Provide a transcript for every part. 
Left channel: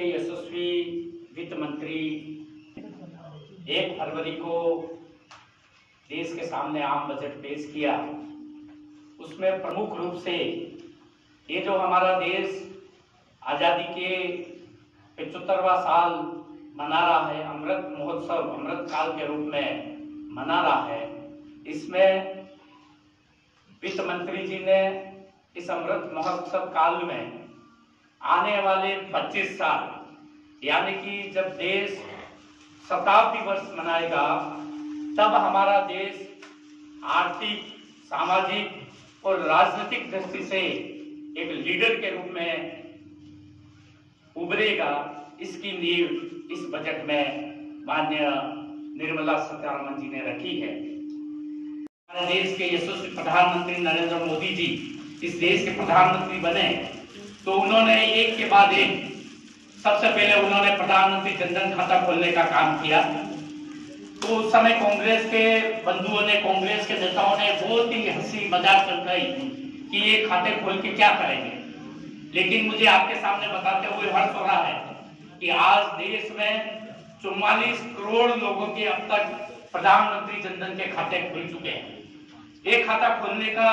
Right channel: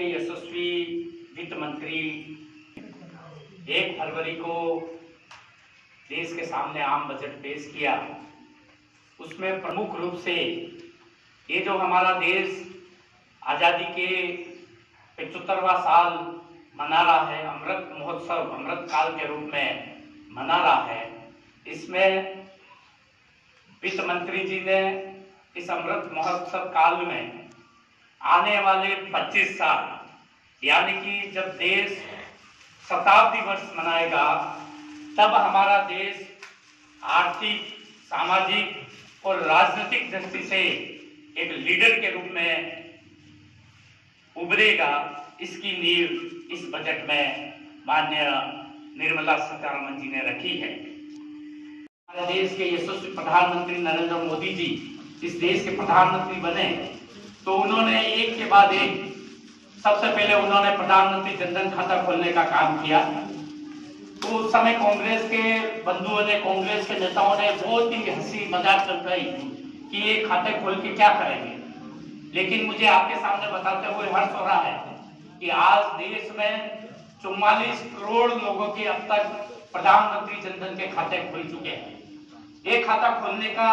के यशस्वी वित्त मंत्री 1 फरवरी को देश के सामने आम बजट पेश किया। उसमें प्रमुख रूप से ये जो हमारा देश आज़ादी के 75वां साल मना रहा है, अमृत महोत्सव अमृत काल के रूप में मना रहा है, इसमें वित्त मंत्री जी ने इस अमृत महोत्सव काल में आने वाले 25 साल यानी कि जब देश शताब्दी वर्ष मनाएगा तब हमारा देश आर्थिक, सामाजिक और राजनीतिक दृष्टि से एक लीडर के रूप में उभरेगा। इसकी नींव इस बजट में माननीय निर्मला सीतारमण जी ने रखी है। हमारे देश के यशस्वी प्रधानमंत्री नरेंद्र मोदी जी इस देश के प्रधानमंत्री बने तो उन्होंने एक के बाद एक सबसे पहले उन्होंने प्रधानमंत्री जनधन खाता खोलने का काम किया। तो उस समय कांग्रेस के बंधुओं ने, कांग्रेस के नेताओं ने बहुत ही हंसी मजाक चमकाई कि ये खाते खोल के क्या करेंगे। लेकिन मुझे आपके सामने बताते हुए हर्ष हो रहा है कि आज देश में 44 करोड़ लोगों के अब तक प्रधानमंत्री जनधन के खाते खुल चुके हैं। एक खाता खोलने का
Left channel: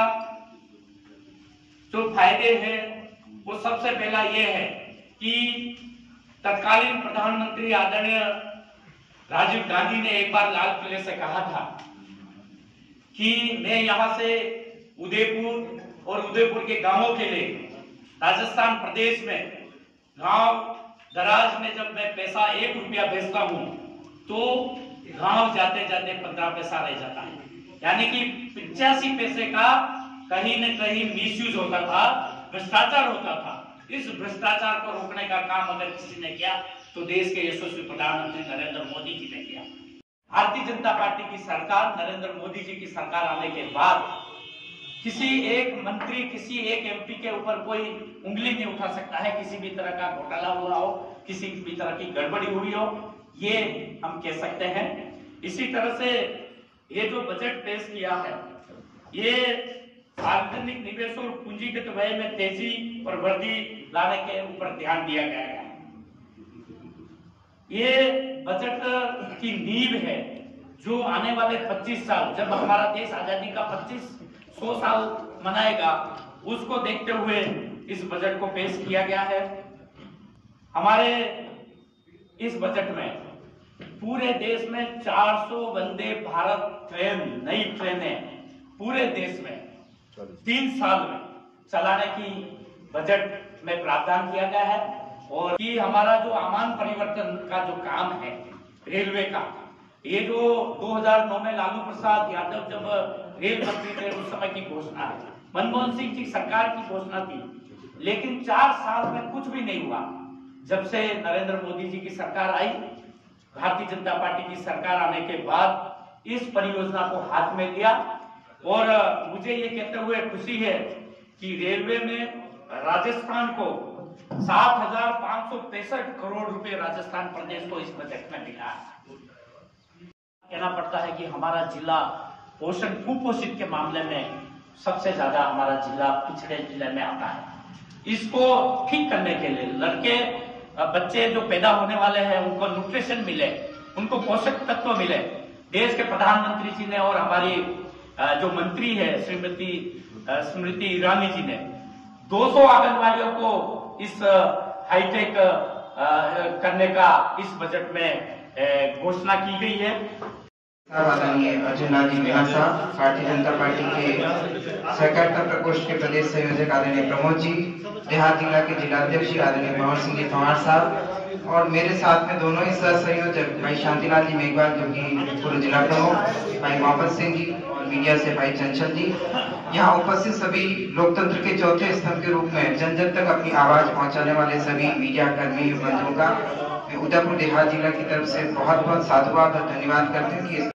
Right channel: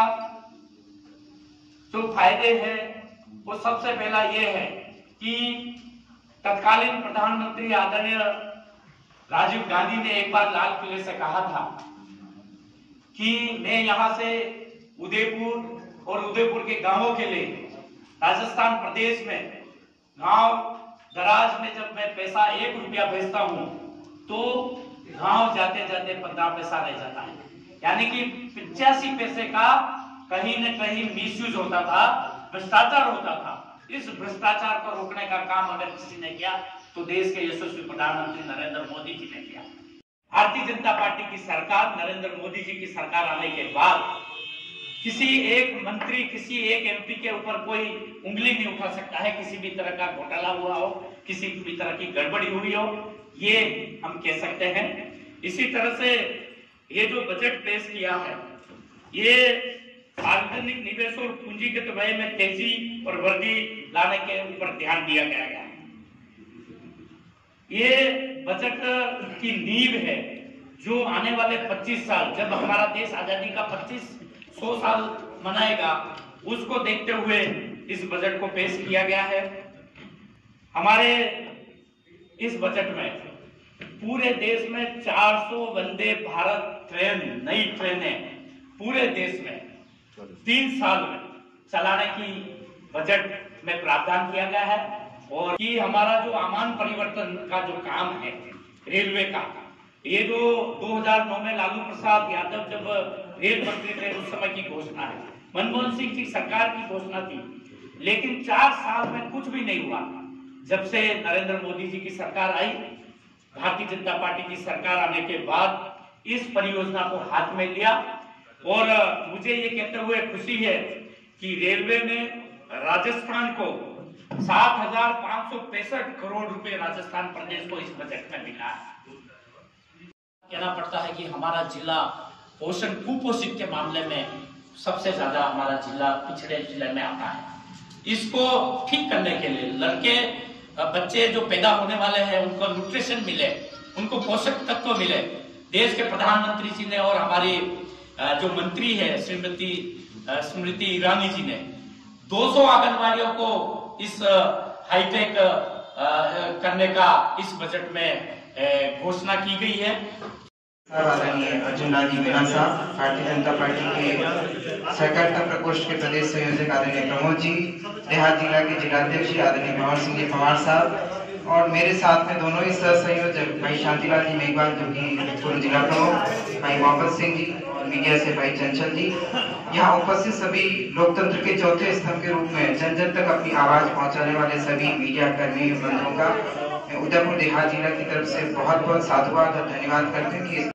जो फायदे हैं वो सबसे पहला ये है कि तत्कालीन प्रधानमंत्री आदरणीय राजीव गांधी ने एक बार लाल किले से कहा था कि मैं यहां से उदयपुर और उदयपुर के गांवों के लिए राजस्थान प्रदेश में गांव दराज में जब मैं पैसा 1 रुपया भेजता हूं तो गांव जाते जाते 15 पैसा रह जाता है। यानी कि 85 पैसे का कहीं न कहीं मिसयूज होता था, भ्रष्टाचार होता था। इस भ्रष्टाचार को रोकने का काम अगर किसी ने किया तो देश के यशस्वी प्रधानमंत्री नरेंद्र मोदी जी ने किया। भारतीय जनता पार्टी की सरकार, नरेंद्र मोदी जी की सरकार आने के बाद किसी एक मंत्री, किसी एक एमपी के ऊपर कोई उंगली नहीं उठा सकता है। किसी भी तरह का घोटाला हुआ हो, किसी भी तरह की गड़बड़ी हुई हो, ये हम कह सकते हैं। इसी तरह से ये जो बजट पेश किया है, ये सार्वजनिक निवेश और पूंजीगत व्यय में तेजी और वृद्धि लाने के ऊपर ध्यान दिया गया है। ये बजट की नींव है जो आने वाले 25 साल, जब हमारा देश आजादी का 100 साल मनाएगा, उसको देखते हुए इस बजट को पेश किया गया है। हमारे इस बजट में पूरे देश में 400 वंदे भारत ट्रेन, नई ट्रेनें पूरे देश में 3 साल में चलाने की बजट में प्रावधान किया गया है। और कि हमारा जो आमान परिवर्तन का जो काम है रेलवे का, ये जो 2009 में लालू प्रसाद यादव जब रेल मंत्री थे उस समय की घोषणा है, मनमोहन सिंह जी सरकार की घोषणा थी, लेकिन 4 साल में कुछ भी नहीं हुआ। जब से नरेंद्र मोदी जी की सरकार आई, भारतीय जनता पार्टी की सरकार आने के बाद इस परियोजना को हाथ में लिया। और मुझे ये कहते हुए खुशी है कि रेलवे में राजस्थान को 7,565 करोड़ रुपए राजस्थान प्रदेश को इस बजट में मिला है। कहना पड़ता है कि हमारा जिला पोषण, कुपोषित के मामले में सबसे ज्यादा हमारा जिला पिछड़े जिले में आता है। इसको ठीक करने के लिए लड़के, बच्चे जो पैदा होने वाले हैं उनको न्यूट्रिशन मिले, उनको पोषक तत्व मिले। देश के प्रधानमंत्री जी ने और हमारी जो मंत्री है श्रीमती स्मृति ईरानी जी ने 200 आंगनबाड़ियों को इस हाईटेक करने का इस बजट में घोषणा की गई है। आदरणीय अर्जुन लाल जी मीणा साहब, भारतीय जनता पार्टी के सहकारिता प्रकोष्ठ के प्रदेश संयोजक आदरणीय प्रमोद जी, देहात जिला के जिलाध्यक्ष आदरणीय भंवर सिंह जी पवार साहब, और मेरे साथ में दोनों ही सह संयोजक भाई शांतिलाल जी मेघवाल जो कि पूर्व जिला प्रमुख, भाई मोहम्मद सिंह जी, मीडिया से भाई चंचल जी, यहाँ उपस्थित सभी लोकतंत्र के चौथे स्तंभ के रूप में जन जन तक अपनी आवाज पहुंचाने वाले सभी मीडिया कर्मी बंधुओं का उदयपुर देहात जिला की तरफ से बहुत बहुत साधुवाद और धन्यवाद करते हैं कि